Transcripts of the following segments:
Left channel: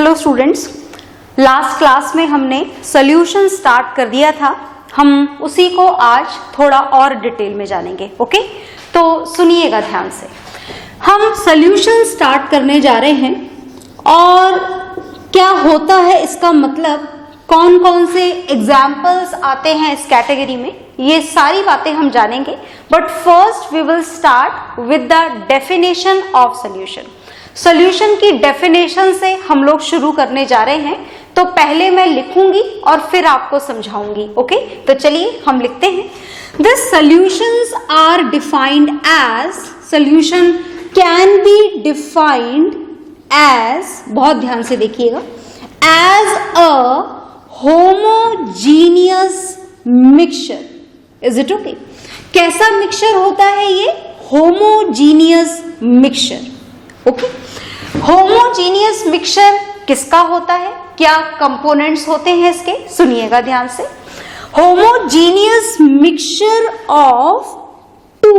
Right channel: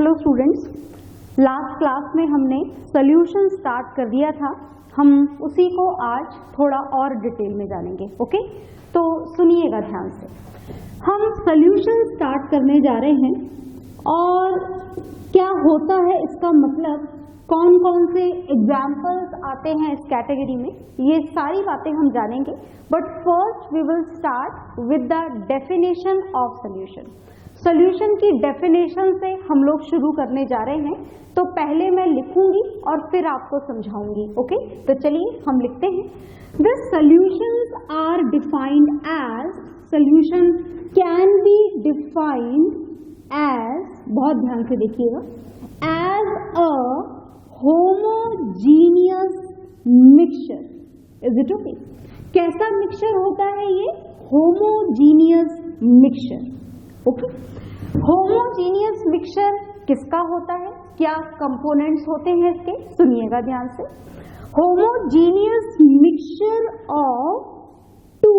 Hello students, last class में हमने solution start कर दिया था। हम उसी को आज थोड़ा और डिटेल में जानेंगे। ओके, तो सुनिएगा ध्यान से। हम सॉल्यूशन स्टार्ट करने जा रहे हैं और क्या होता है इसका मतलब, कौन कौन से एग्जाम्पल्स आते हैं इस कैटेगरी में, ये सारी बातें हम जानेंगे। But first we will start with the definition of solution. Solution की डेफिनेशन से हम लोग शुरू करने जा रहे हैं, तो पहले मैं लिखूंगी और फिर आपको समझाऊंगी। ओके, तो चलिए हम लिखते हैं। The solutions are defined as, solution can be defined as, बहुत ध्यान से देखिएगा, as a homogeneous mixture. Is it okay? कैसा मिक्सचर होता है ये? Homogeneous mixture. Okay, homogeneous mixture किसका होता है, क्या कंपोनेंट्स होते हैं इसके, सुनिएगा ध्यान से। होमोजीनियस मिक्सचर ऑफ टू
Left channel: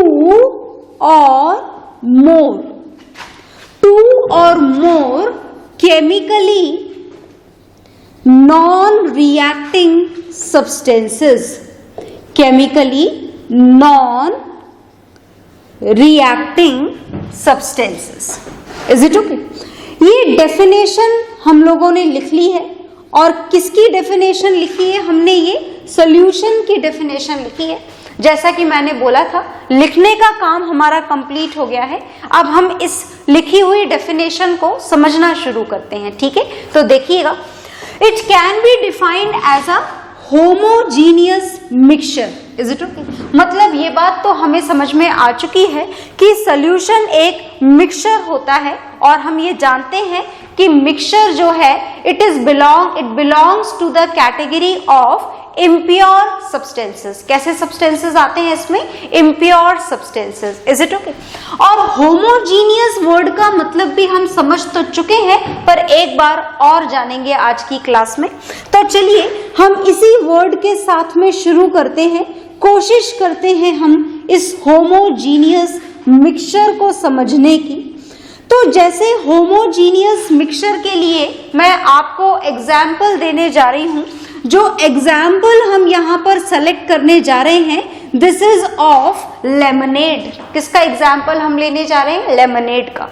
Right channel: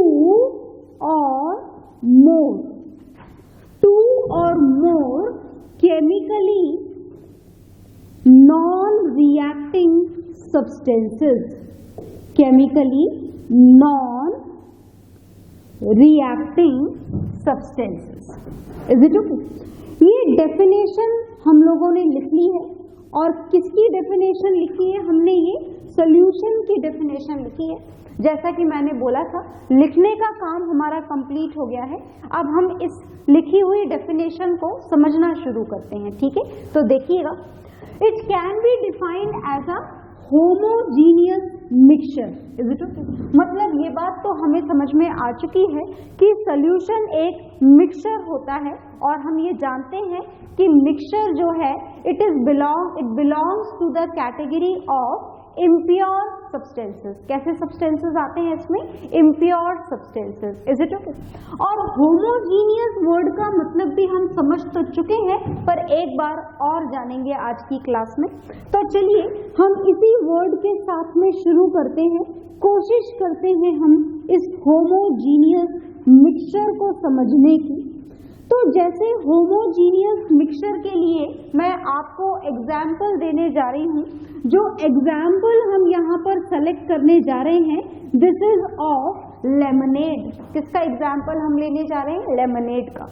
और more chemically non reacting substances, chemically non reacting substances. Is it okay? ये डेफिनेशन हम लोगों ने लिख ली है। और किसकी डेफिनेशन लिखी है हमने? ये सॉल्यूशन की डेफिनेशन लिखी है। जैसा कि मैंने बोला था, लिखने का काम हमारा कंप्लीट हो गया है। अब हम इस लिखी हुई डेफिनेशन को समझना शुरू करते हैं। ठीक है, तो देखिएगा। It can be defined as a homogeneous mixture. Is it okay? मतलब ये बात तो हमें समझ में आ चुकी है कि सॉल्यूशन एक मिक्सचर होता है, और हम ये जानते हैं कि मिक्सचर जो है it belongs to the category of impure substances. कैसे सब्सटेंसेस आते हैं इसमें? Impure substances. Is it okay? और होमोजीनियस वर्ड का मतलब भी हम समझ तो चुके हैं, पर एक बार और जानेंगे आज की क्लास में। तो चलिए हम इसी वर्ड के साथ में शुरू करते हैं, कोशिश करते हैं हम इस होमोजीनियस मिक्सचर को समझने की। तो जैसे होमोजीनियस मिक्सचर के लिए मैं आपको एग्जाम्पल देने जा रही हूं। जो एग्जाम्पल हम यहां पर सेलेक्ट करने जा रहे हैं, दिस इज ऑफ लेमनेड। किसका एग्जाम्पल हम लेने जा रहे हैं? लेमनेड का।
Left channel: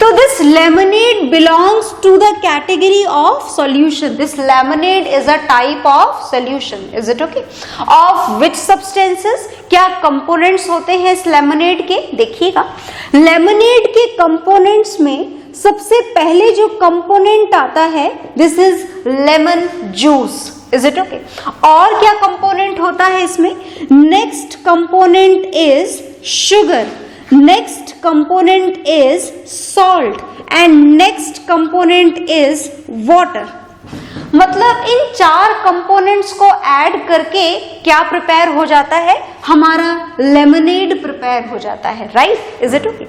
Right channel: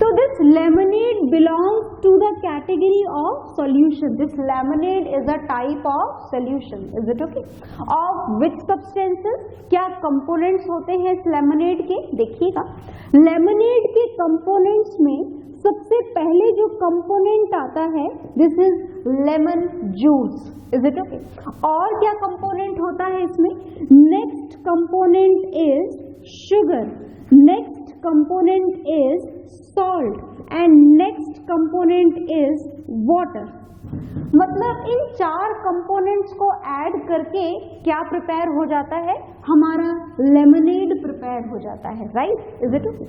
तो this lemonade belongs to the category of solution. This lemonade is a type of solution. Is it okay? Of which substances, क्या कंपोनेंट्स होते हैं इस लेमनेड के? देखिएगा, लेमनेड के कंपोनेंट्स में सबसे पहले जो कंपोनेंट आता है, this is lemon juice. Is it okay? और क्या कंपोनेंट होता है इसमें? Next component is sugar, next component is salt, and next component is water. मतलब इन चार कंपोनेंट्स को ऐड करके क्या प्रिपेयर हो जाता है? हमारा लेमनेड प्रिपेयर हो जाता है। राइट? Is it okay?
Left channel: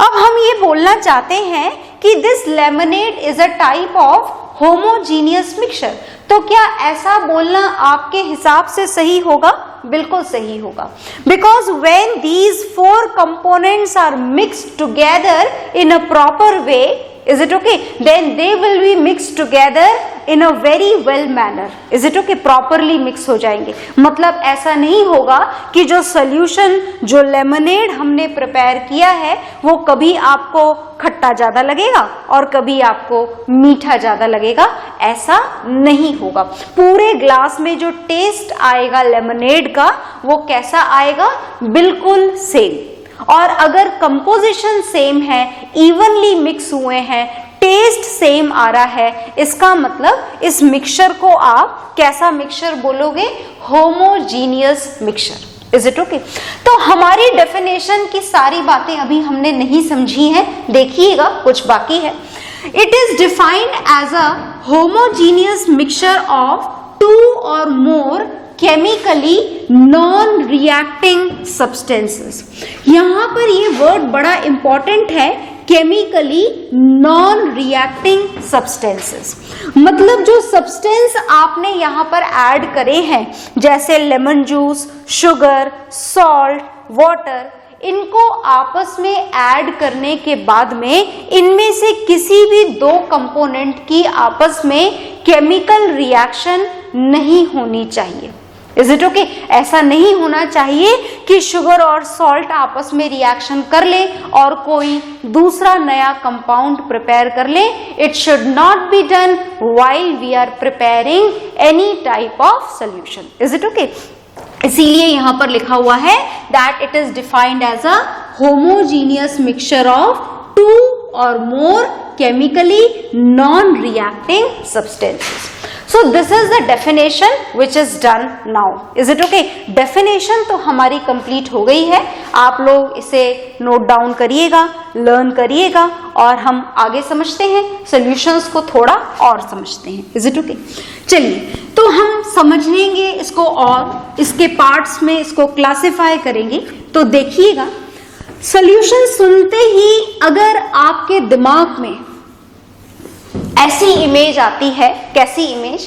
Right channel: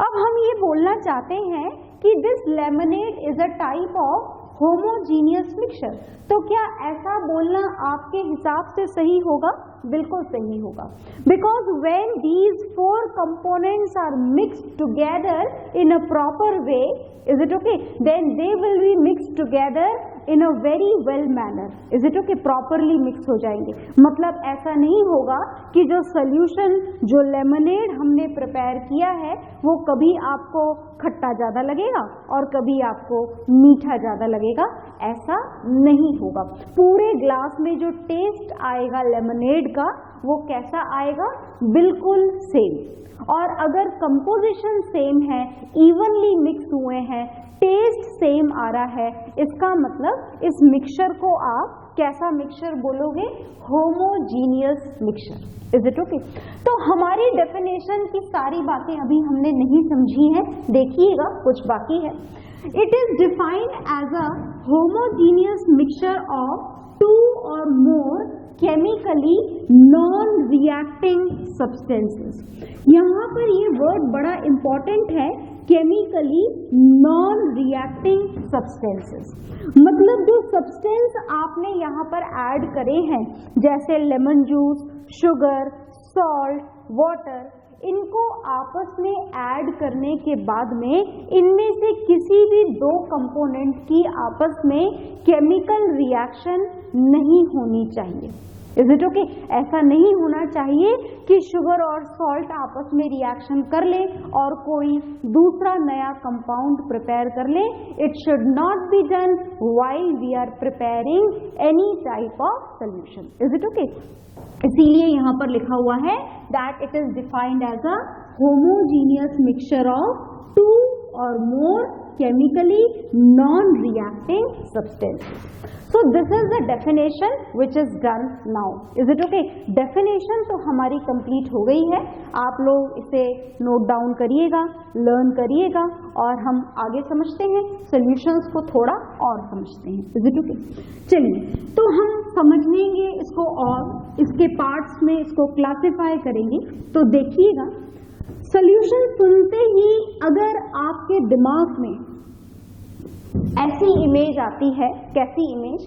अब हम ये बोलना चाहते हैं कि this lemonade is a type of homogeneous mixture. तो क्या ऐसा बोलना आपके हिसाब से सही होगा? बिल्कुल सही होगा। Because when these four components are mixed together in a proper way, is it okay, then they will be mixed together in a very well manner. is it okay? properly mix हो जाएंगे। मतलब ऐसा नहीं होगा कि जो solution, जो lemonade हमने प्रिपेयर किया है, वो कभी आपको खट्टा ज्यादा लगेगा और कभी आपको मीठा ज्यादा लगेगा। ऐसा नहीं होगा। पूरे ग्लास में जो टेस्ट आएगा लेमनेड का, वो कैसा आएगा? बिल्कुल सेम। और अगर कंपोजिशन सेम है, इवनली मिक्स हुए हैं, टेस्ट सेम आ रहा है, इसका मतलब इस मिक्सचर को आप कैसा मिक्सचर बोलोगे? Homogeneous mixture. Is it okay? तो हमारी डेफिनेशन की सारी बातें अभी हमने नहीं समझी हैं, देखिएगा कुछ बाकी है। It is defined as a homogeneous mixture of two और more chemically non reacting substances. यहां पर ये वर्ड बड़ा इंपॉर्टेंट है, केमिकली नॉन रिएक्टिंग सब्सटेंसेस। मतलब जो सब्सटेंस आपने यहां पर ऐड करे हैं, जैसे lemon juice, sugar, salt, water, इनको आपस में ऐड करने के बाद में इनमें से किसी भी दो कंपोनेंट की आपस में केमिकल रिएक्शन नहीं होनी चाहिए। Is it okay? ऐसा नहीं होना चाहिए कि शुगर और सॉल्ट आपस में रिएक्शन कर ले और कोई दूसरा नया कंपाउंड प्रिपेयर कर ले। It should not be done while we are preparing any type of solution. Is it okay? इसीलिए यहां पर लिखा हुआ है that it is defined as a homogeneous mixture of two और more chemically non reacting substances. So this is the definition which is done now. Is it okay? Definition तो हमारी complete हो गई है। आप लोग इसे नोट डाउन करिएगा, लर्न करिएगा और हम आगे समझते हैं, solutions को थोड़ा और समझते हैं। Is it okay? चलिए, तो हम समझ लेंगे इसको और इसके पार्ट्स में इसको क्लासिफाई करेंगे। तो देखिएगा, solution सुनते ही अगर आपके दिमाग में ऐसी इमेज आती है, कैसी इमेज?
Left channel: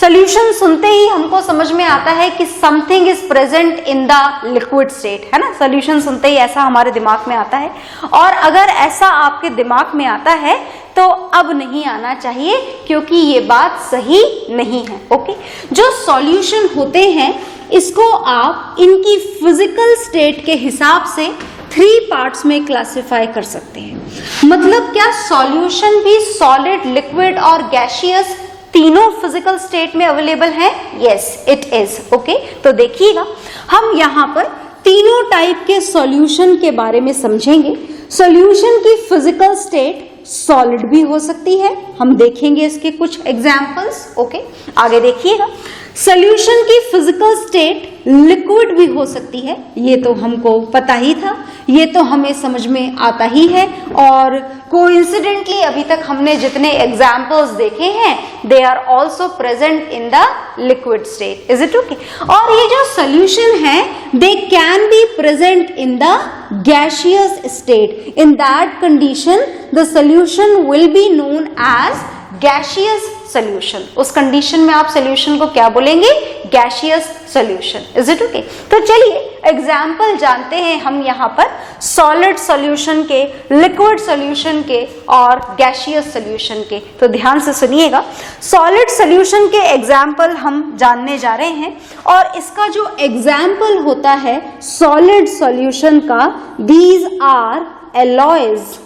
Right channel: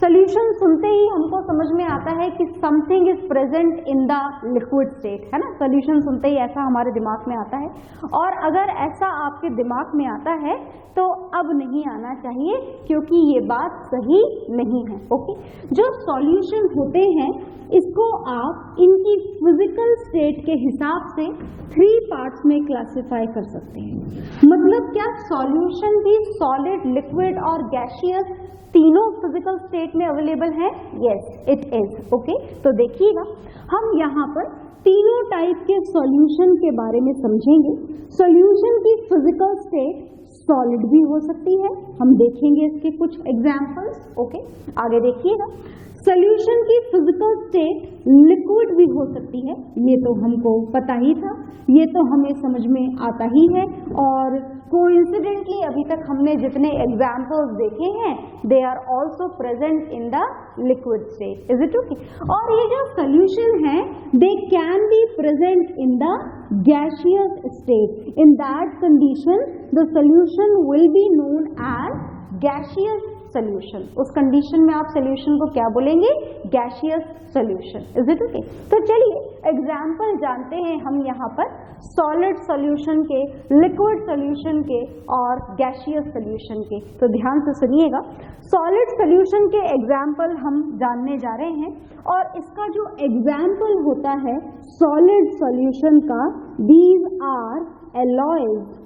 सॉल्यूशन सुनते ही हमको समझ में आता है कि something is present in the liquid state, है ना? सॉल्यूशन सुनते ही ऐसा हमारे दिमाग में आता है। और अगर ऐसा आपके दिमाग में आता है तो अब नहीं आना चाहिए, क्योंकि ये बात सही नहीं है। ओके? जो सॉल्यूशन होते हैं इसको आप इनकी फिजिकल स्टेट के हिसाब से 3 पार्ट्स में क्लासिफाई कर सकते हैं। मतलब क्या सॉल्यूशन भी सॉलिड, लिक्विड और गैसियस तीनों फिजिकल स्टेट में अवेलेबल है? Yes, it is. ओके, तो देखिएगा, हम यहाँ पर तीनों टाइप के सॉल्यूशन के बारे में समझेंगे। सॉल्यूशन की फिजिकल स्टेट सॉलिड भी हो सकती है, हम देखेंगे इसके कुछ एग्जाम्पल्स। ओके, आगे देखिएगा, सॉल्यूशन की फिजिकल स्टेट लिक्विड भी हो सकती है, ये तो हमको पता ही था, ये तो हमें समझ में आता ही है। और कोइंसिडेंटली अभी तक हमने जितने एग्जाम्पल्स देखे हैं they are also present in the liquid state. Is it okay? और ये जो सॉल्यूशन है they can be present in the gaseous state. In that condition the solution will be known as gaseous solution. उस condition में आप solution को क्या बोलेंगे? Gaseous solution. Is it okay? तो चलिए एग्जाम्पल जानते हैं हम यहाँ पर सॉलिड सॉल्यूशन के, लिक्विड सॉल्यूशन के और गैसियस सॉल्यूशन के। तो ध्यान से सुनिएगा, सॉलिड सॉल्यूशन के एग्जाम्पल हम जानने जा रहे हैं। और इसका जो एग्जाम्पल होता है सॉलिड सॉल्यूशन का, दीज आर एलॉयज।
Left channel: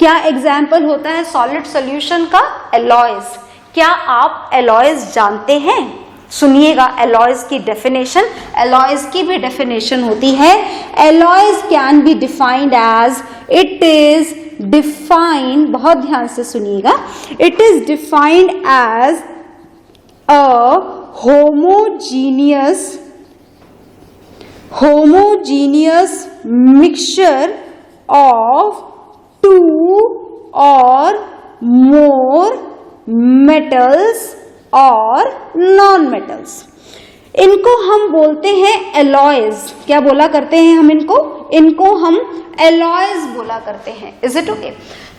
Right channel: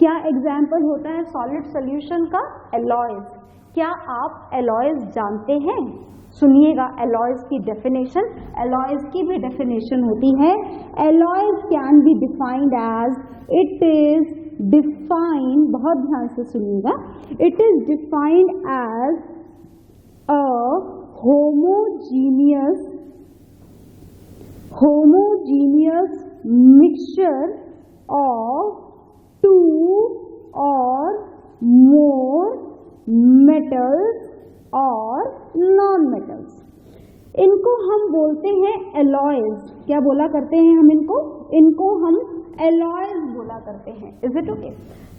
क्या एग्जाम्पल होता है सॉलिड सॉल्यूशन का? एलॉयज। क्या आप एलॉयज जानते हैं? सुनिएगा एलॉयज की डेफिनेशन। एलॉयज की भी डेफिनेशन होती है, alloys can be defined as, it is defined, बहुत ध्यान से सुनिएगा, it is defined as a homogeneous mixture of 2 or more metals और नॉन मेटल्स। इनको हम बोलते हैं एलॉयज। क्या बोला करते हैं हम इनको हम एलॉयज बोला करते हैं। Is it okay?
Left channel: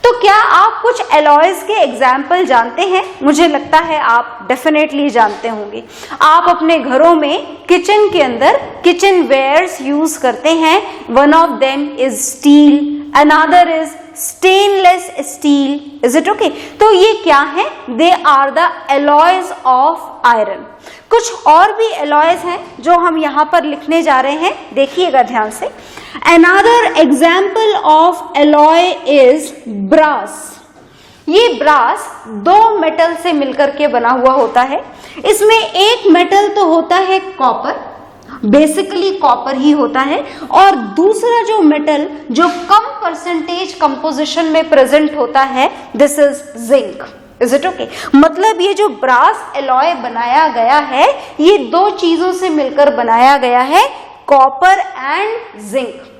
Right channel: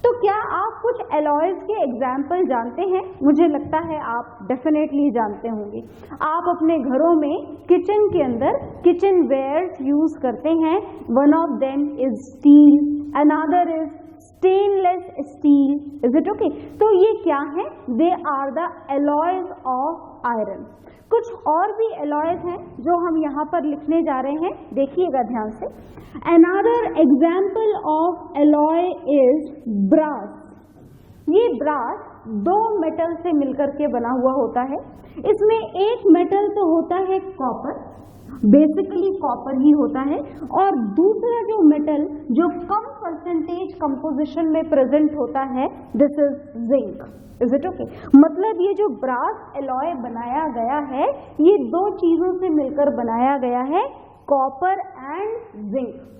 तो क्या आप कुछ एलॉयज के एग्जाम्पल जानते हैं? मुझे लगता है आप डेफिनेटली जानते होंगे। आप अपने घरों में किचन के अंदर किचन वेयर्स यूज करते हैं। One of them is steel, another is stainless steel. Is it okay? तो ये क्या है? They are the alloys of iron. कुछ और भी एलॉयज हैं जो हम यहाँ पर लिखने जा रहे हैं, देखिएगा ध्यान से। Another example of alloy is brass. ये ब्रास 2 मेटल से मिलकर के बना हुआ होता है। इसमें एक मेटल तो होता है कॉपर, बेसिकली कॉपर ही होता है, और दूसरा जो मेटल जो कम परसेंटेज कंपोजिशन में प्रेजेंट होता है, this is zinc. Is it okay? मतलब ये जो ब्रास एलॉय बनाया गया है ये 2 चीजों से मिलकर बनाया गया है, कॉपर एंड जिंक।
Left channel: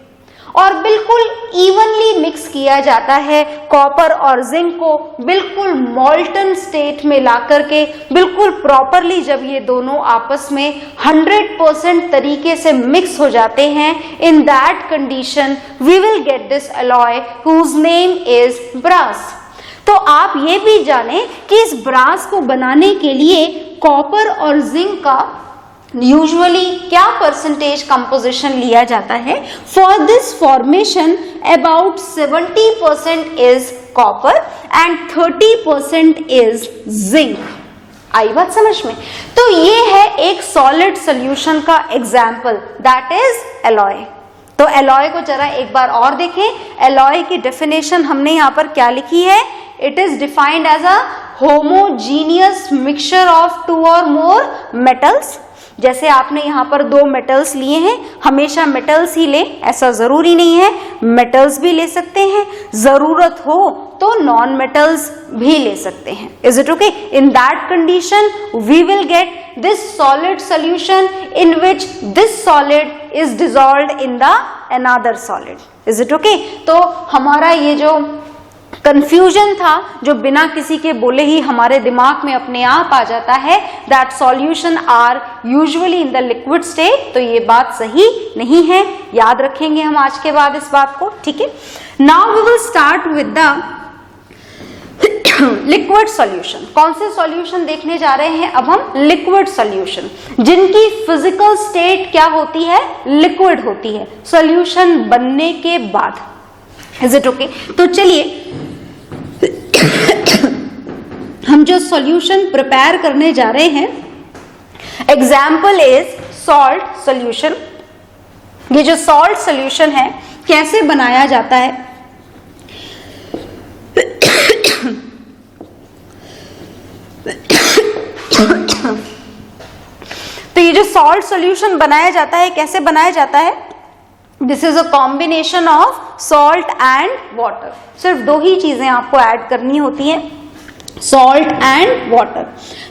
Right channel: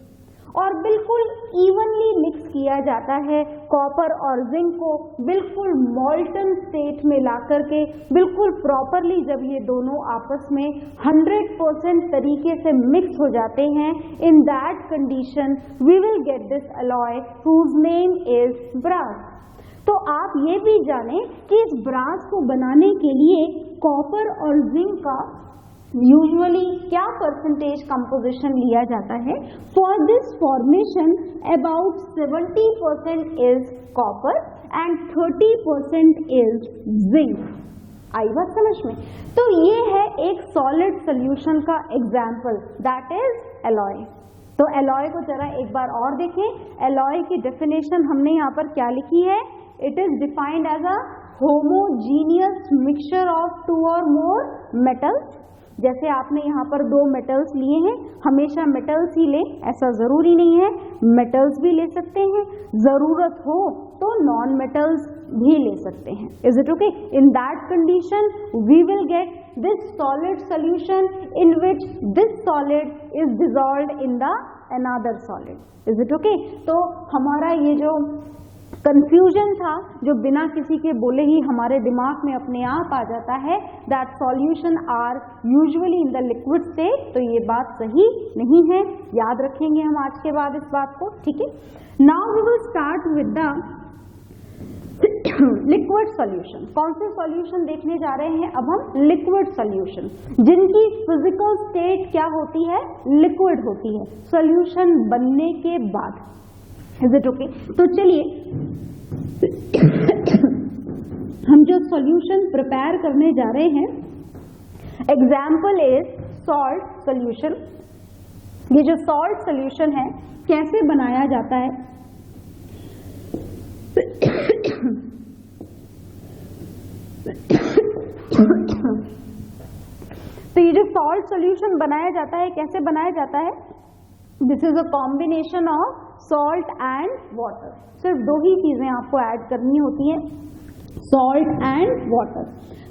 और बिल्कुल इवनली मिक्स किया जाता है कॉपर और जिंक को, बिल्कुल मॉल्टन स्टेट में ला करके, बिल्कुल प्रॉपरली जब ये दोनों आपस में 100% तरीके से मिक्स हो जाते हैं, in that condition we will get this alloy whose name is brass. तो आप ये भी जानें कि इस ब्रास को बनाने के लिए कॉपर और जिंक का यूजुअली क्या परसेंटेज कंपोजिशन लिया जाता है? For this formation about 70% is copper and 30% is zinc. आई बात समझ में? तो ये है एक सॉलिड सॉल्यूशन का एग्जाम्पल, दैट इज एलॉय। तो एलॉय को जरा एक बार और देखें। एलॉय की डेफिनेशन हमने यहाँ पर क्या लिखी है? It is defined as a homogeneous mixture of two और मोर मेटल्स। जैसे आपने यहाँ पर दो मेटल्स लिए हैं, हमेशा मेटल्स ही ले ऐसा जरूरी नहीं है, मेटल्स भी ले सकते हैं, जरूरत हो तो नॉन मेटल्स भी ले सकते हैं। Is it okay? In that condition we will get this solid solution in which this solid is dissolved in the another solid. Is it okay? तो हमारा ये जो कंफ्यूजन था, जो बिना किसी के बोले ही हमारे दिमाग में अपने आप आ जाता है, that solution are usually in the liquid state, तो ये बात सही नहीं है, याद रखेंगे हम आज के बाद इस बात को, ठीक है? Now we will start with the liquid solution. कौन से सॉल्यूशन देखने जा रहे हैं अब हम? लिक्विड सॉल्यूशन, जिनकी फिजिकल स्टेट क्या होती है? लिक्विड होती है सॉल्यूशन बनने के बाद। Is it okay? तो चलिए हम जो सॉल्यूशन प्रिपेयर करने जा रहे हैं, एग्जाम्पल इज सॉल्ट सॉल्यूशन। ये जो सॉल्ट सॉल्यूशन है कैसे बनाया जाता है? तो ये जो सॉल्ट सॉल्यूशन बनाया जाता है, कैसे बनाया जाता है? This is a combination of salt and water. सिर्फ दो ही चीजें आपको ऐड करनी होती हैं, सॉल्ट एंड वाटर।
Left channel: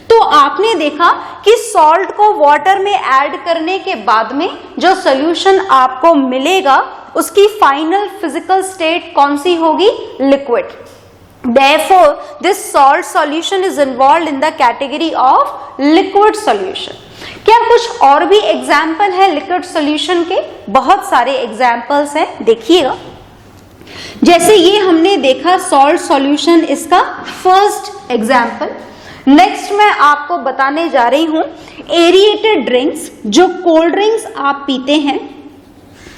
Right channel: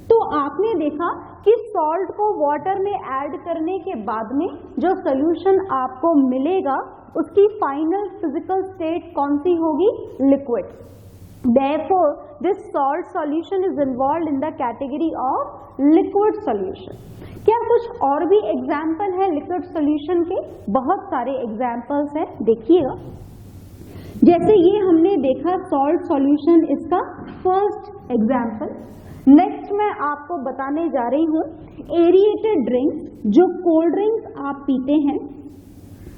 तो आपने देखा कि सॉल्ट को वाटर में ऐड करने के बाद में जो सॉल्यूशन आपको मिलेगा उसकी फाइनल फिजिकल स्टेट कौन सी होगी? Liquid. Therefore, this salt solution is involved in the category of liquid solution. क्या कुछ और भी एग्जाम्पल है लिक्विड सॉल्यूशन के? बहुत सारे एग्जाम्पल्स हैं, देखिएगा। जैसे ये हमने देखा सॉल्ट सॉल्यूशन, इसका फर्स्ट एग्जाम्पल। नेक्स्ट मैं आपको बताने जा रही हूं एरिएटेड ड्रिंक्स। जो कोल्ड ड्रिंक्स आप पीते हैं,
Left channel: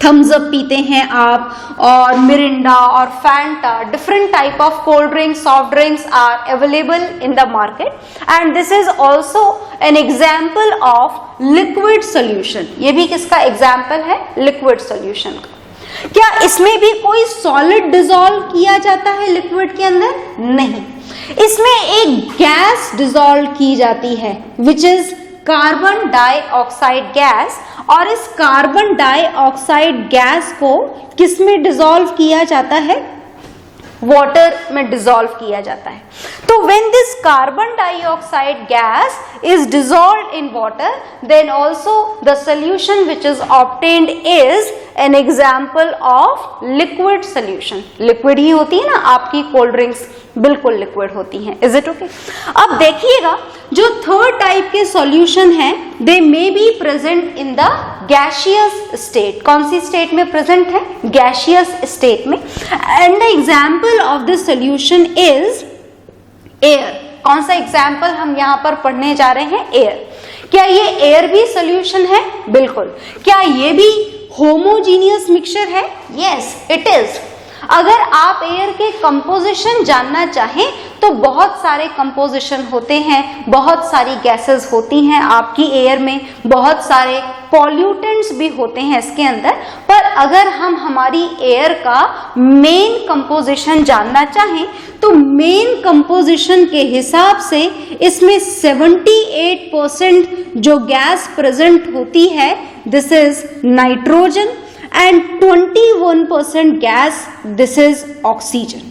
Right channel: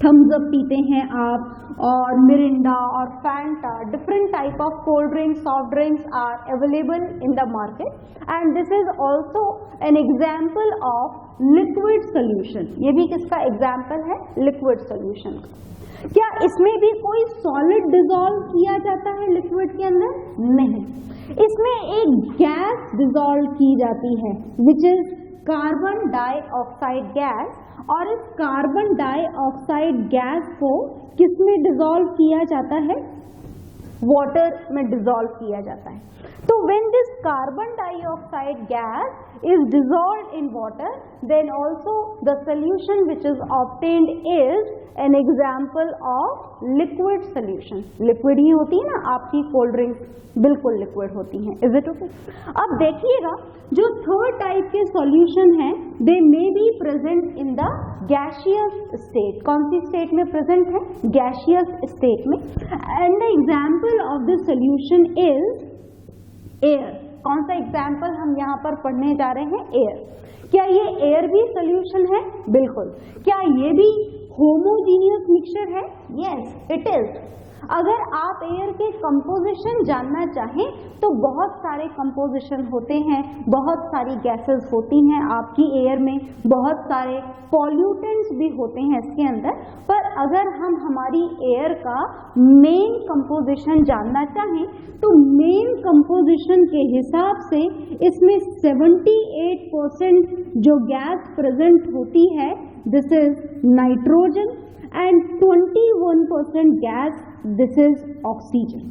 थम्स अप पीते हैं आप, और मिरिंडा और Fanta, different type of cold drinks, soft drinks are available in the market and this is also an example of liquid solution. ये भी किसका एग्जाम्पल है? लिक्विड सॉल्यूशन का। क्या इसमें भी कोई सॉलिड डिसॉल्व किया जाता है लिक्विड के अंदर? नहीं, इसमें एक गैस डिसॉल्व की जाती है which is carbon dioxide gas, और इस कार्बन डाइऑक्साइड गैस को किस में डिसॉल्व किया जाता है? वाटर में डिसॉल्व किया जाता है। तो when this carbon dioxide gas is dissolved in water, then also the solution which is obtained is an example of liquid solution. Liquid ही होती है ना, आपकी कोल्ड ड्रिंक्स बिल्कुल लिक्विड होती हैं। Is it okay? अब देखिएगा, जो थर्ड टाइप के सॉल्यूशन हैं, they may be present in the gaseous state. कौन सी स्टेट में प्रेजेंट है? गैसियस स्टेट में। And the example of this solution is air. कौन सा एग्जाम्पल हम यहाँ पर पढ़ने जा रहे हैं? एयर। क्या ये एयर भी सॉल्यूशन है? बिल्कुल। क्या ये भी होमोजीनियस मिक्सचर है? Yes it is. अगर आप एयर के कंपोजिशन जानना चाहें तो बहुत सारे कंपोजिशन होते हैं, बहुत सारी गैसेस होती हैं आपकी एयर में, बहुत सारे पॉल्यूटेंट्स भी होते हैं इसके अंदर। पर अगर हम हमारी एयर का मेन कंपोजिशन जानना चाहें तो मेन कंपोजिशन के हिसाब से इसमें 78% जो गैस प्रेजेंट होती है, this is nitrogen, and 21% gas, this is oxygen.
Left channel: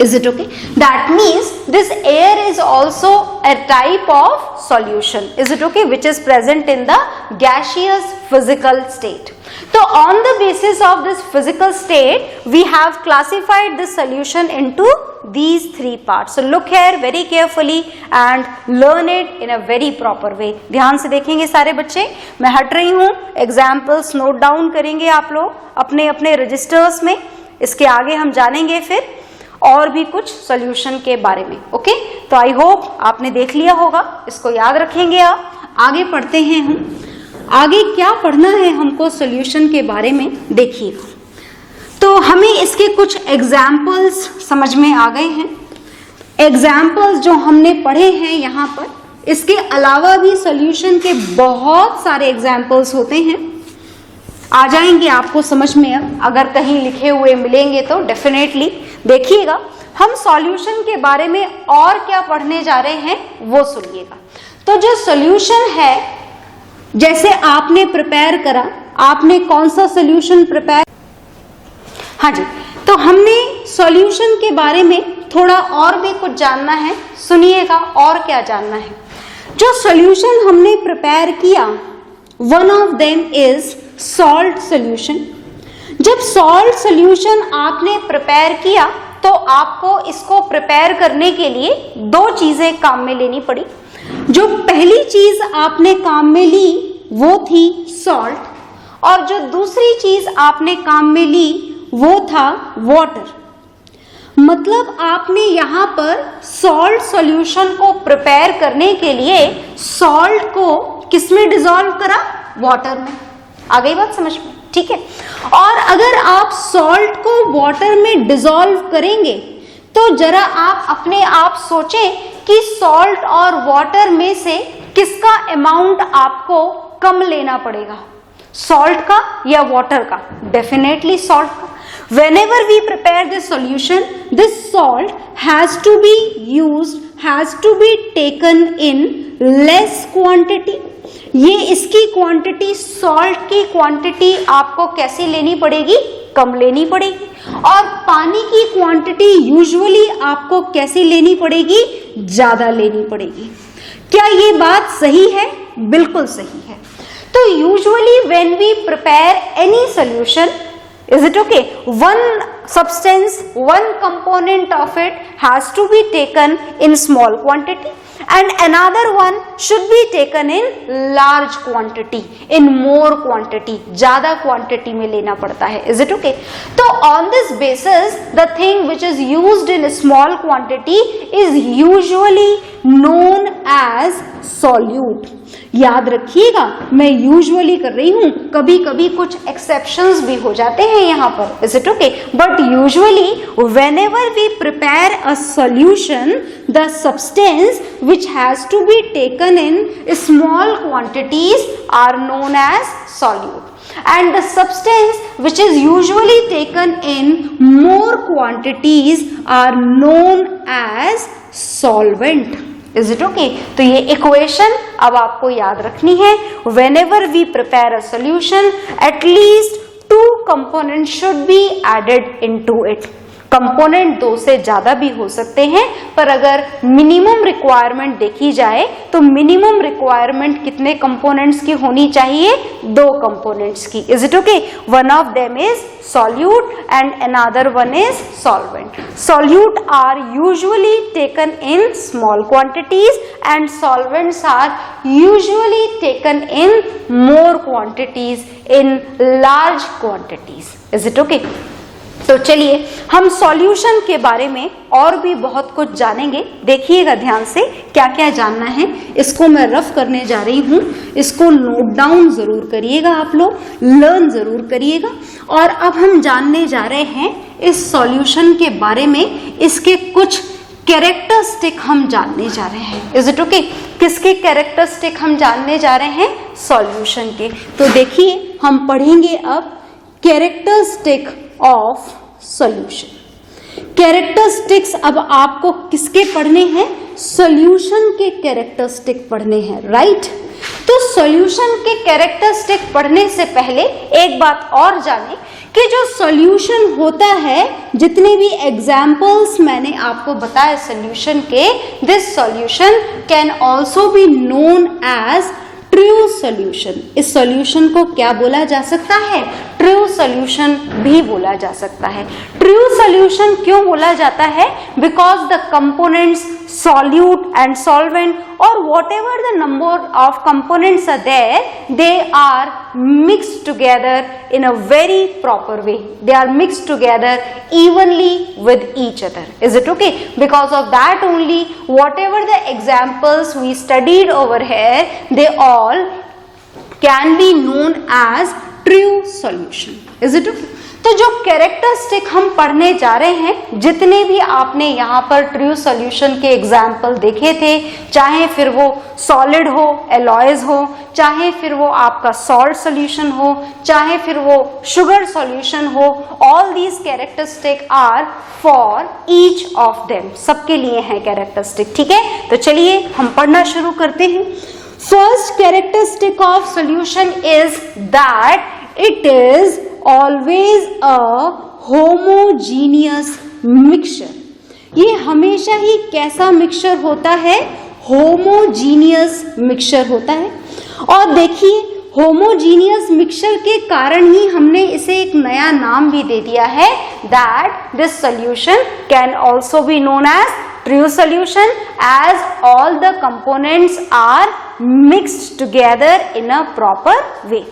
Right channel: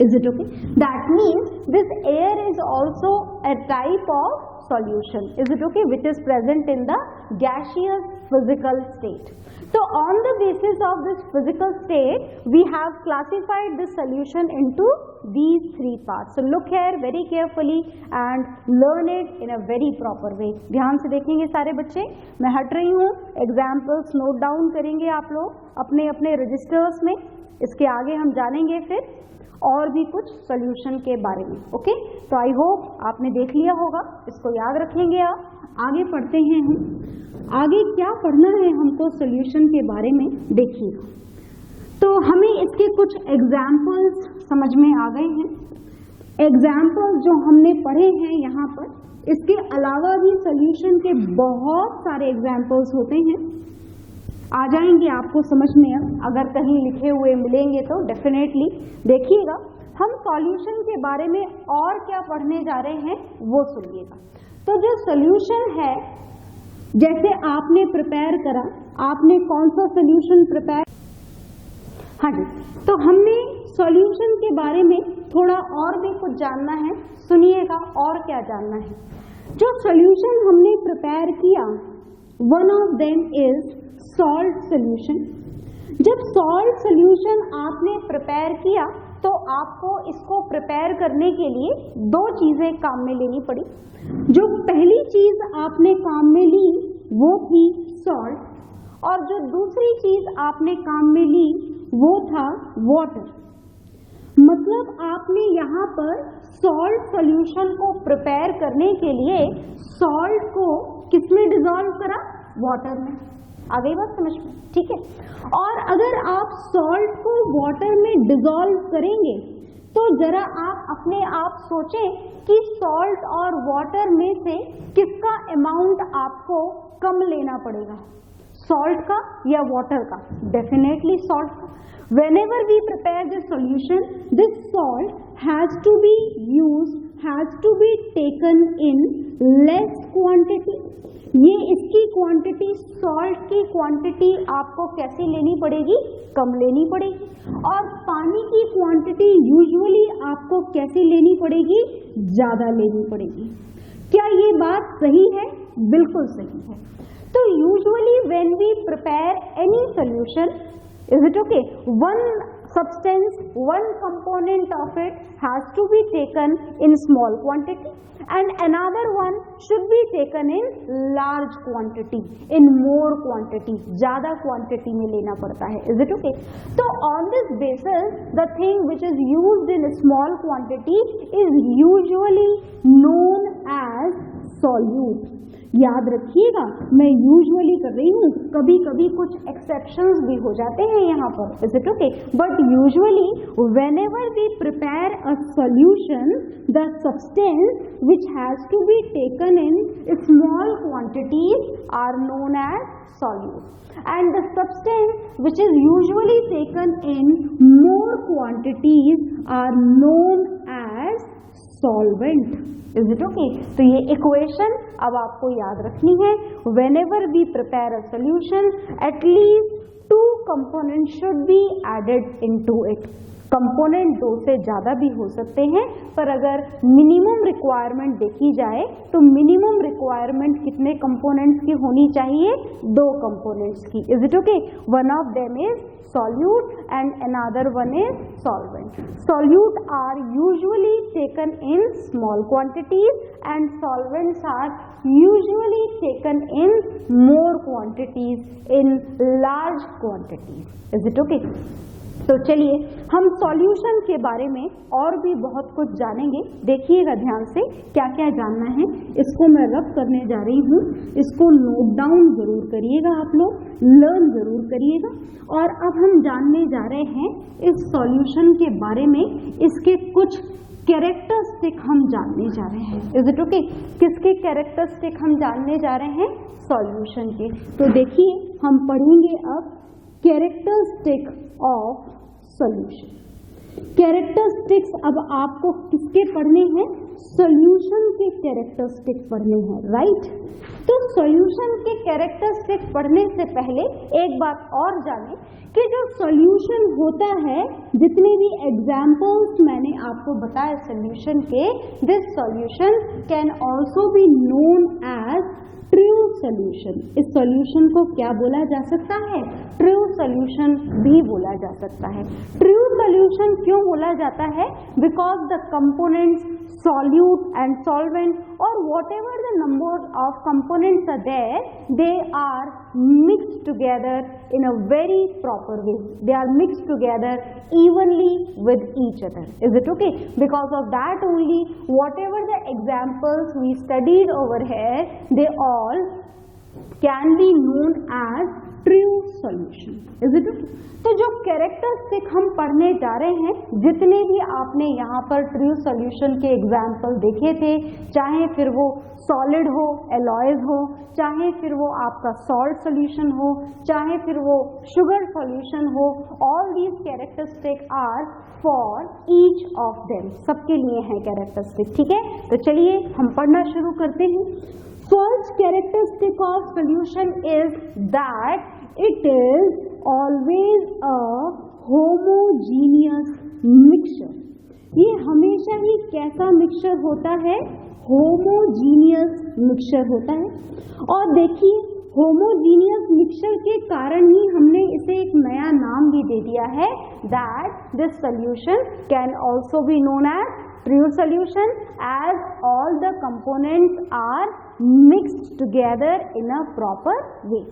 Is it okay? That means this air is also a type of solution. Is it okay? Which is present in the gaseous physical state. So on the basis of this physical state, we have classified this solution into these three parts. So look here very carefully and learn it in a very proper way. ध्यान से देखेंगे सारे बच्चे। मैं हट रही हूँ, examples note down करेंगे आप लोग अपने अपने रजिस्टर्स में। इसके आगे हम जानेंगे फिर और भी कुछ सॉल्यूशन के बारे में। ओके, तो आई होप आपने देख लिया होगा, इसको याद रखेंगे आप। आगे पढ़ते हैं हम। आगे क्या पढ़ना है हमको सॉल्यूशन के बारे में देखिएगा। तो हमें इसके कुछ एग्जाम्पल्स समझ में आ गए हैं। एग्जाम्पल्स जो हमने पढ़े हैं यहाँ पर, इसके अलावा भी सॉल्यूशन के बहुत सारे एग्जाम्पल्स होते हैं, आ जाएंगे आपको समझ में। अब अगर कहीं लिखे हुए मिलेंगे तो डेफिनेटली देखिएगा। हम सॉल्यूशन के बारे में और क्या पढ़ने जा रहे हैं वो सुनिएगा। तो जो सॉल्यूशन है, जैसे आपने प्रिपेयर करा, आपने कौन सा सॉल्यूशन प्रिपेयर, हाँ जी, तो हमने सॉल्यूशन के बारे में थोड़ा और भी कुछ जानना है, सुनिएगा और क्या जानना है। जो सॉल्यूशन हमने प्रिपेयर किया, one of them is salt solution. जब सॉल्ट सॉल्यूशन आपने प्रिपेयर किया तो आपको इसको प्रिपेयर करने के लिए दो चीजें काम में लेनी पड़ी। जो पहली चीज आपने काम में ली वो थी सॉल्ट, और जो दूसरी चीज आपने काम में ली वो था वाटर। मतलब आपने यहाँ पर सॉल्ट सॉल्यूशन को प्रिपेयर करने के लिए सॉल्ट को किसमें डिसॉल्व करा? वाटर में। आ गई बात समझ में? ठीक है। और अगर आप सॉल्ट को वाटर में डिसॉल्व करेंगे तो जरा आप अपने आप सोचें कि सॉल्ट और वाटर में से किसका अमाउंट आपको कम लेना पड़ेगा, सॉल्ट का या वाटर का? डेफिनेटली सॉल्ट का। Whenever we prepare this solution, this salt has to be used, has to be taken in less quantity. ये इसकी क्वांटिटी, सॉल्ट की क्वांटिटी आपको कैसी लेनी पड़ेगी? कम लेनी पड़ेगी। और पानी की क्वांटिटी यूजुअली आपको कैसी लेनी पड़ेगी? ज्यादा लेनी पड़ेगी। क्या ये बात सही है? बिल्कुल सही है। तो usually when we prepare any solution, is it okay, one substance, one component of it has to be taken in small quantity and another one should be taken in large quantity, in more quantity, ज़्यादा quantity में लेना पड़ता है। Is it okay? तो on this basis, the thing which is used in small quantity is usually known as solute। याद रखिएगा, मैं usually कर रही हूं, कभी कभी कुछ एक्सेप्शंस भी हो जाते हैं यहाँ पर। Is it okay? But usually whenever we prepare a solution, the substance which has to be taken in small quantities are known as solute, and the substance which is usually taken in more quantities are known as solvent। Is it okay? तो ये equation अब आपको याद रखनी है। Whenever we prepare a solution, at least 2 components should be added into it। Component 2 से ज्यादा भी हो सकते हैं, पर अगर मिनिमम रिक्वायरमेंट देखी जाए तो मिनिमम रिक्वायरमेंट कितने कंपोनेंट्स की होनी चाहिए? 2 कंपोनेंट्स की। Is it okay? One of them is solute and another one is solvent. Solute are usually taken in small quantities and solvents are usually taken in more quantities, in large quantities. Is it okay? तो चलिए हम solution के बारे में और भी बहुत कुछ जानेंगे। देखिएगा ध्यान से क्या क्या जानना है। इसको मैं रफ करने जा रही हूँ, इसको नोट डाउन जरूर करिएगा आप लोग, लर्न जरूर करिएगा। और अब हम जानने जा रहे हैं इस सॉल्यूशन के बारे में, इसके कुछ कैरेक्टरिस्टिक हम जानने जा रहे हैं। Is it okay? किसके कैरेक्टरिस्टिक हम जानने जा रहे हैं? सॉल्यूशन के। तो देखिए हम पढ़ेंगे अब कैरेक्टरिस्टिक ऑफ सॉल्यूशन। कैरेक्टरिस्टिक्स अब आपको किसके पढ़ने हैं? सॉल्यूशन के कैरेक्टरिस्टिक पढ़ने हैं, राइट? तो सॉल्यूशन के कैरेक्टरिस्टिक पढ़ने से पहले एक बात और जाने कि जो सॉल्यूशन होता है, जितने भी एग्जाम्पल्स मैंने आपको बताए सॉल्यूशन के, this solution can also be known as true solution. इस सॉल्यूशन को क्या बोला जा सकता है? ट्रू सॉल्यूशन भी बोला जा सकता है। ट्रू सॉल्यूशन क्यों बोला जाता है? Because the components solute and solvent or whatever the number of components are there, they are mixed together in a very proper way. They are mixed together evenly with each other. Is it okay? Because of that only, whatever the examples we studied over here, they all can be known as true solution. Is it okay? तो जो characteristic हम पढ़ने जा रहे हैं, जितने भी आपने यहाँ पर ट्रू सॉल्यूशन के एग्जाम्पल देखे थे, चाहे फिर वो सॉलिड हो, एलॉयज हो, चाहे फिर वो आपका सॉल्ट सॉल्यूशन हो, चाहे फिर वो शुगर सॉल्यूशन हो, all these characteristic are for each of them, सबके लिए हैं कैरेक्टरिस्टिक। ठीक है, तो चलिए हम पढ़ना शुरू करते हैं। First characteristic of solution is that it is always a homogeneous mixture। ये हमेशा ही कैसा मिक्सचर होता है? होमोजीनियस मिक्सचर होता है। और देखिए, होमोजीनियस मिक्सचर के कारण ही हमने इसे एक नया नाम भी दे दिया है, that this solution can also be known as true solution as all the components are mixed together in a proper way।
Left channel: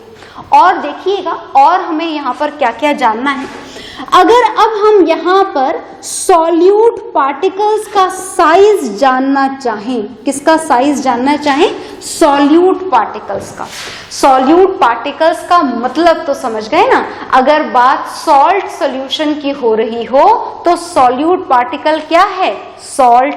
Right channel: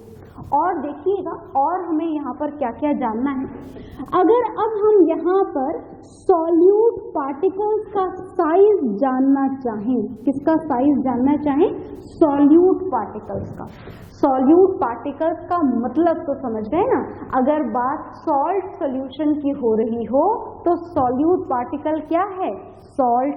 और देखिएगा, और हमें यहाँ पर क्या क्या जानना है। अगर अब हम यहाँ पर सॉल्यूट पार्टिकल्स का साइज जानना चाहें, किसका साइज जानना चाहें? सॉल्यूट पार्टिकल्स का। सॉल्यूट पार्टिकल्स का मतलब तो समझ गए ना। अगर बात सॉल्ट सॉल्यूशन की हो रही हो तो सॉल्यूट पार्टिकल क्या है? सॉल्ट।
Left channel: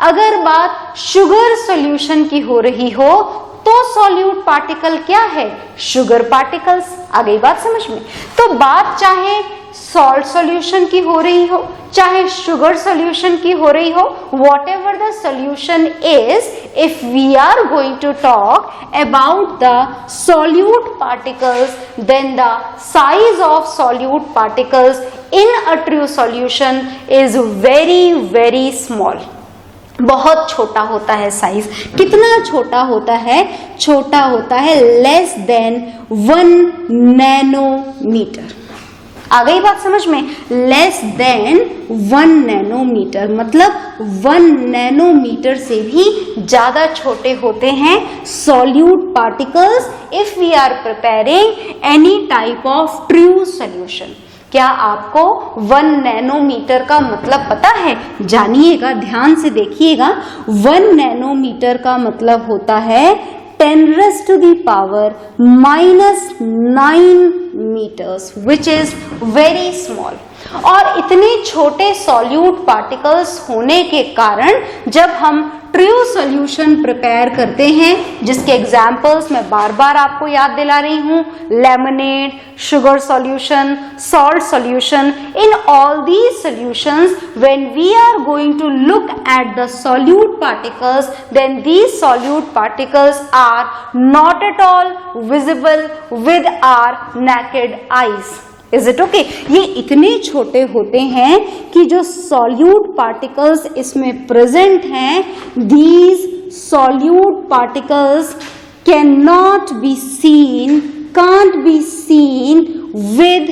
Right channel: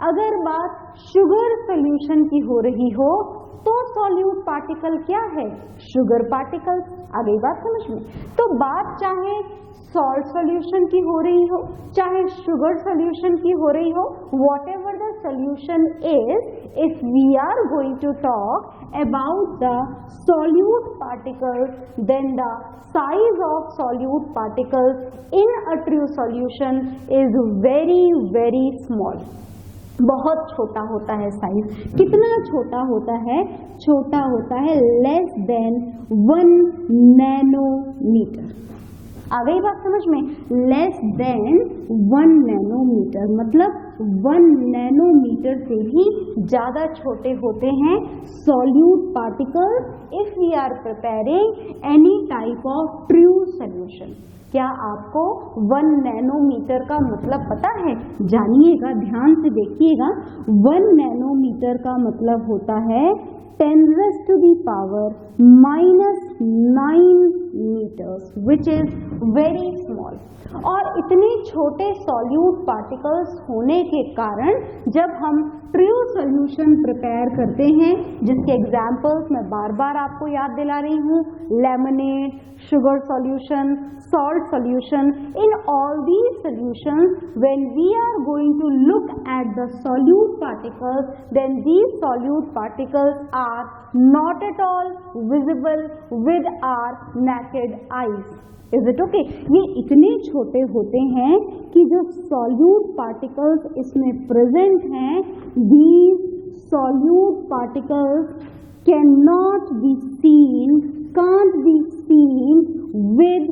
अगर बात शुगर सॉल्यूशन की हो रही हो तो सॉल्यूट पार्टिकल क्या है? Sugar particles. आ गई बात समझ में? तो बात चाहे सॉल्ट सॉल्यूशन की हो रही हो, चाहे शुगर सॉल्यूशन की हो रही हो, whatever the solution is, if we are going to talk about the solute particles, then the size of solute particles in a true solution is very very small। बहुत छोटा होता है साइज। कितना छोटा होता है? छोटा होता है लेस देन 1 नैनोमीटर। आ गई बात समझ में? लेस देन 1 नैनोमीटर, मतलब 1 नैनोमीटर से भी ज्यादा छोटे होते हैं solute particles if we are preparing any type of true solution. क्या आपको 1 नैनोमीटर का मतलब पता है? जानिएगा, ध्यान से देखिएगा। 1 नैनोमीटर का मतलब होता है 10⁻⁻⁹ meters, which is very small। और इतने छोटे सॉल्यूट पार्टिकल्स होने के कारण जब हम ट्रू सॉल्यूशन प्रिपेयर करते हैं, जिसके एग्जाम्पल्स मैं बार बार आपको याद दिला रही हूँ, lemonade, sugar solution, salt solution, in all these solutions when we are going to look at the solute particles, then these solute particles are not at all visible with our naked eyes. Is it okay? ये इतने छोटे होते हैं कि जो solute particles इसमें present हैं, these solute particles can not be seen, can't be seen with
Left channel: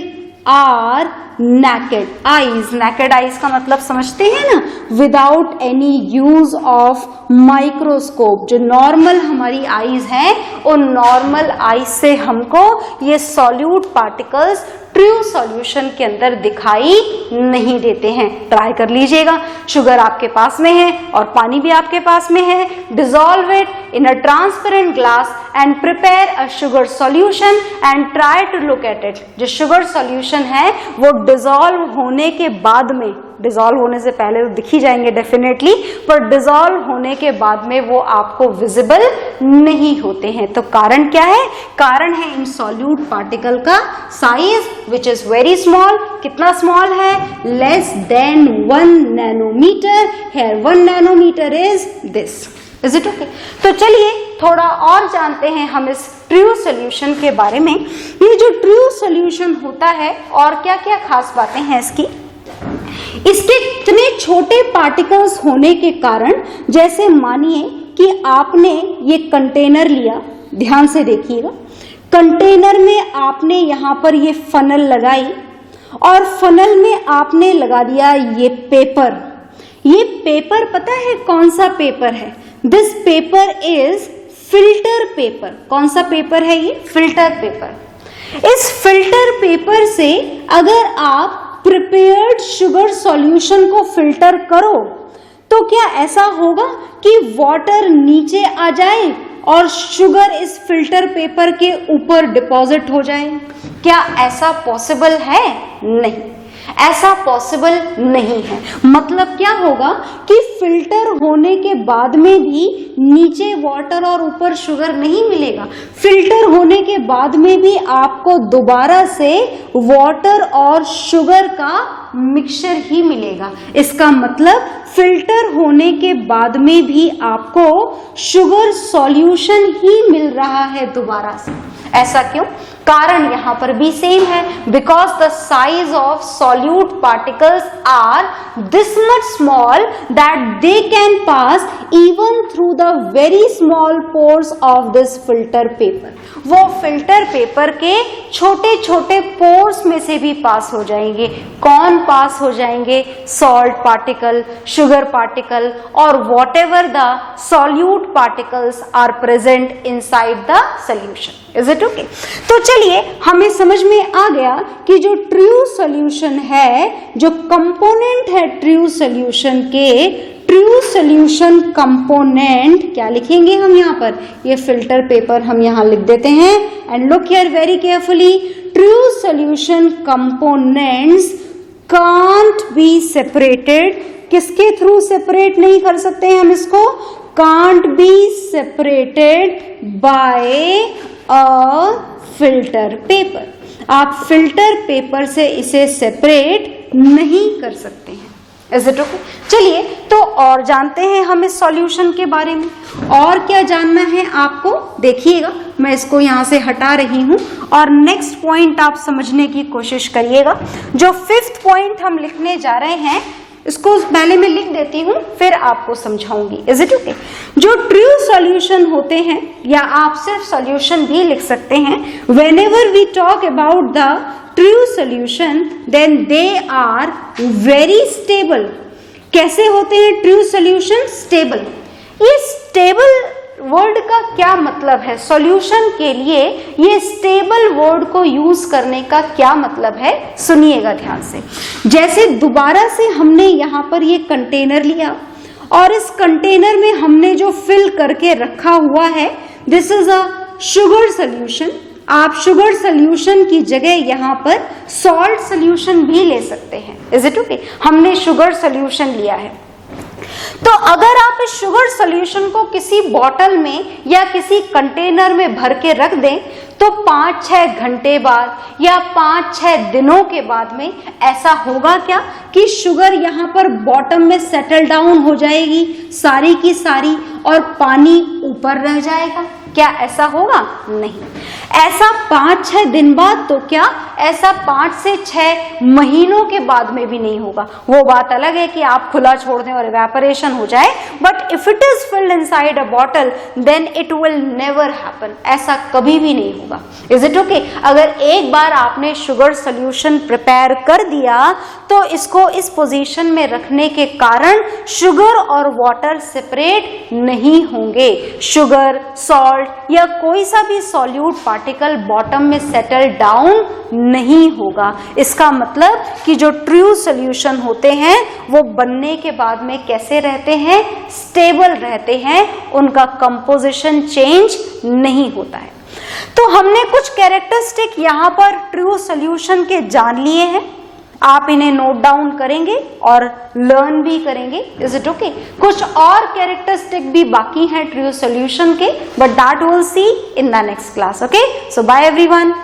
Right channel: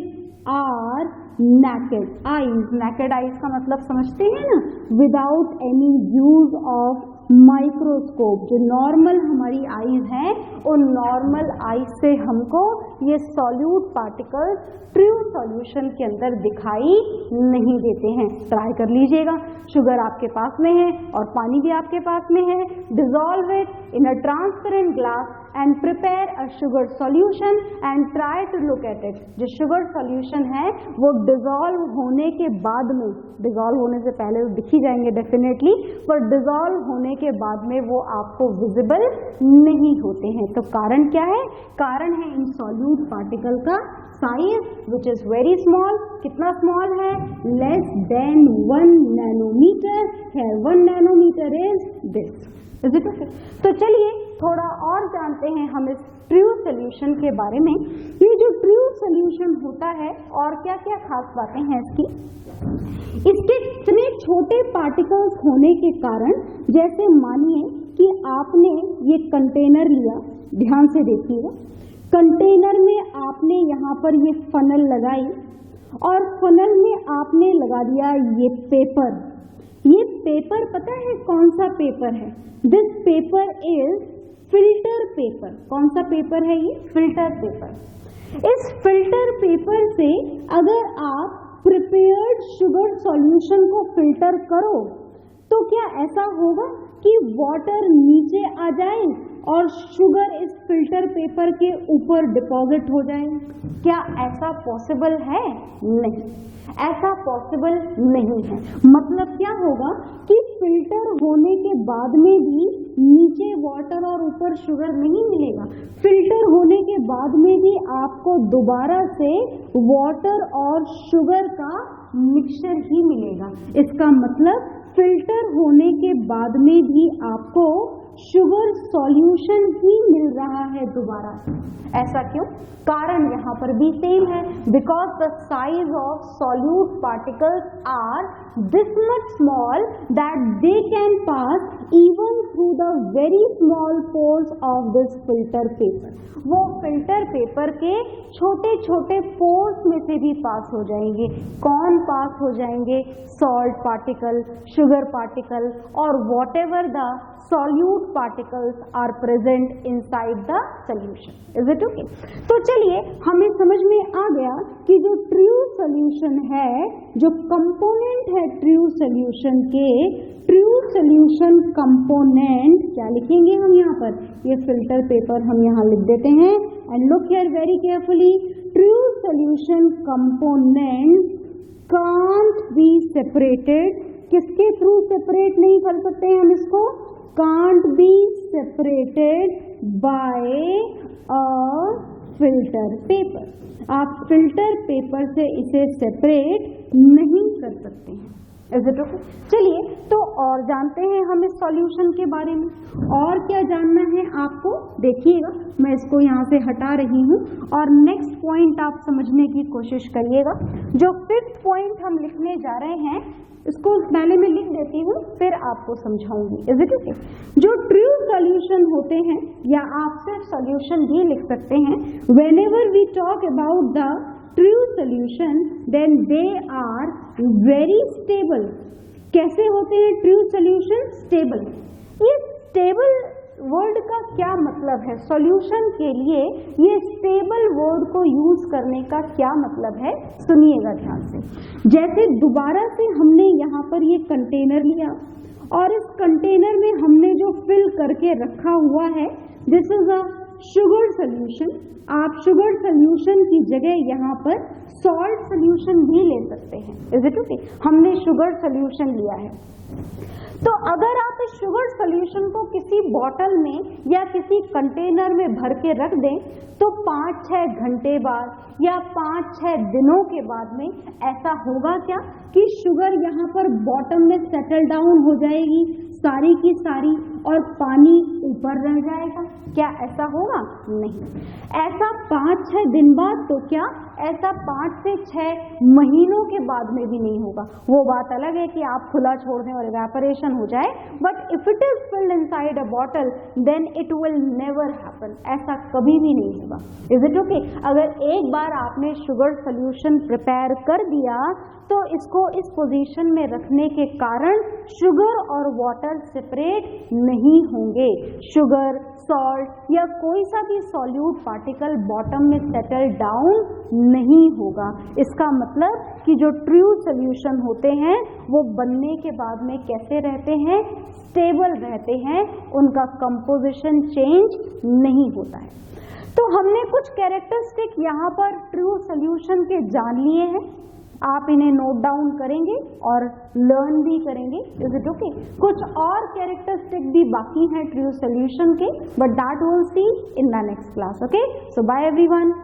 our naked eyes. Naked eyes का मतलब समझते हैं ना? Without any use of microscope. जो नॉर्मल हमारी आईज हैं, उन नॉर्मल आईज से हमको ये सॉल्यूट पार्टिकल्स ट्रू सॉल्यूशन के अंदर दिखाई नहीं देते हैं। ट्राई कर लीजिएगा। शुगर आपके पास में है और पानी भी आपके पास में है। Dissolve it in a transparent glass and prepare a sugar solution and try to look at it. जो शुगर सॉल्यूशन है वो डिसॉल्व होने के बाद में, डिसॉल्व होने से पहले तो दिख ही जाएंगे डेफिनेटली, पर डिसॉल्व होने के बाद में वो आपको विजिबल नहीं होते हैं। तो कारण क्या है? कारण है इन सॉल्यूट पार्टिकल का size which is very small. कितना स्मॉल है? Less than 1 nanometer. Here 1 nanometer is this. Is it okay? तो चलिए थोड़ा और जानते हैं हम इस ट्रू सॉल्यूशन के बारे में। ये जो ट्रू सॉल्यूशन होता है और क्या क्या खास बातें हैं इसकी? इसके इतने छोटे पार्टिकल्स होने के कारण, जैसे मानिए कि आपने ये कंटेनर लिया, ध्यान से देखिएगा, कंटेनर में आपने यहाँ पर ये फनल लगाई और फनल में आपने लगा दिया ये पेपर। ये पेपर पता है कौन सा पेपर है? This paper is filter paper. कौन सा पेपर है ये? Filter paper. इस फिल्टर पेपर से अगर आप प्रिपेयर्ड शुगर सॉल्यूशन को फिल्टर करो तो क्या ऐसा होगा कि वाटर नीचे आ जाए और शुगर इस फिल्टर पेपर के ऊपर डिपॉजिट हो जाए? क्या ऐसा पॉसिबल है? नहीं, ऐसा पॉसिबल नहीं है। मतलब क्या होगा कि फिल्टर होने के बाद में भी नीचे वाटर और ऊपर शुगर नहीं मिलेगा। फिल्टर होने के बाद में भी आपको दोबारा से वाटर और शुगर का मिक्सचर ही मिलेगा। इसका मतलब फिल्टर होने के बाद में भी आपको शुगर सॉल्यूशन ही मिल रहा है दोबारा से। ऐसा क्यों? कारण यहां पर भी सेम है, because the size of solute particles are this much small that they can pass even through the very small pores of this filter paper. वो फिल्टर पेपर के छोटे छोटे पोर्स में से भी पास हो जाएंगे। कौन पास हो जाएंगे? सॉल्ट पार्टिकल, शुगर पार्टिकल और whatever the solute particles are present inside the solution. Is it okay? तो चलिए हमें समझ में आ गया कि जो ट्रू सॉल्यूशन है, जो कंपोनेंट है ट्रू सॉल्यूशन के, ट्रू सॉल्यूशन कंपोनेंट क्या लिखेंगे हम यहाँ पर? ये फिल्टर पेपर हम यहाँ लिख देते हैं। And look here very carefully, true solution components can't be separated. किसके थ्रू सेपरेट नहीं कर सकते हैं हम इसको? Can't be separated by a filter paper. आप फिल्टर पेपर से इसे सेपरेट नहीं कर सकते हैं। Is it okay? चलिए तो और जानते हैं हम इस सॉल्यूशन के बारे में। और क्या जानना है आपको? देखिएगा, मैं इसको यहाँ से हटा रही हूँ और नेक्स्ट पॉइंट आप समझने की कोशिश करिएगा। जो 5th पॉइंट हम लिखने जा रहे हैं इसको पहले मैं लिख देती हूँ, फिर आपको समझाऊंगी। Is it okay? जो ट्रू सॉल्यूशन होते हैं, या आप सिर्फ सॉल्यूशन भी लिख सकते हैं, whenever we talk about the true solution then they are very stable. कैसे होते हैं ट्रू सॉल्यूशन? स्टेबल। ये स्टेबल वर्ड का क्या मतलब है? सॉल्यूशन के लिए ये स्टेबल वर्ड को यूज करने का क्या मतलब है? सुनिएगा ध्यान से। जैसे दोबारा से हमने यहाँ पर ये कंटेनर लिया और इस कंटेनर में हमने जो फिल करके रखा हुआ है, this is a sugar solution. आप शुगर सॉल्यूशन की जगह यहाँ पर सॉल्ट सॉल्यूशन भी ले सकते हैं। Is it okay? हमने शुगर सॉल्यूशन लिया है, तो अगर आप इस शुगर सॉल्यूशन को किसी बॉटल में या किसी कंटेनर में भर के रख दें तो 5-6 घंटे बाद या 5-6 दिनों के बाद में ऐसा होगा क्या कि शुगर यहाँ पर बॉटम में सेटल डाउन हो जाएगी सारी की सारी और पानी ऊपर रह जाएगा? क्या ऐसा होगा? नहीं। ऐसा 5-6 दिन बाद तो क्या, ऐसा 5 से 6 महीनों के बाद में भी नहीं होगा। वो बात अलग है कि आप खुला छोड़ दें और इवेपोरेशन हो जाए, but if it is filled inside a bottle then it will never happen. ऐसा कभी भी नहीं होगा। Is it okay? अगर एक बार आपने शुगर सॉल्यूशन प्रिपेयर कर दिया तो इसको इस पोजीशन में रखने के कारण शुगर और वाटर सेपरेट नहीं होंगे। शुगर, सॉल्ट या कोई सा भी सॉल्यूट पार्टिकल बॉटम में सेटल डाउन नहीं होगा। इसका मतलब कि जो ट्रू सॉल्यूशन होते हैं वो बनने के बाद में कैसे रहते हैं? स्टेबल रहते हैं, उनका कंपोजिशन चेंज नहीं होता है। तो हमने कुछ कैरेक्टरिस्टिक यहाँ पर ट्रू सॉल्यूशन के जान लिए हैं। आप इन्हें नोट डाउन करेंगे और लर्न भी करेंगे। Is it okay? कुछ और कैरेक्टरिस्टिक भी बाकी हैं ट्रू सॉल्यूशन के, but that will see in the next class. Okay, so bye everyone.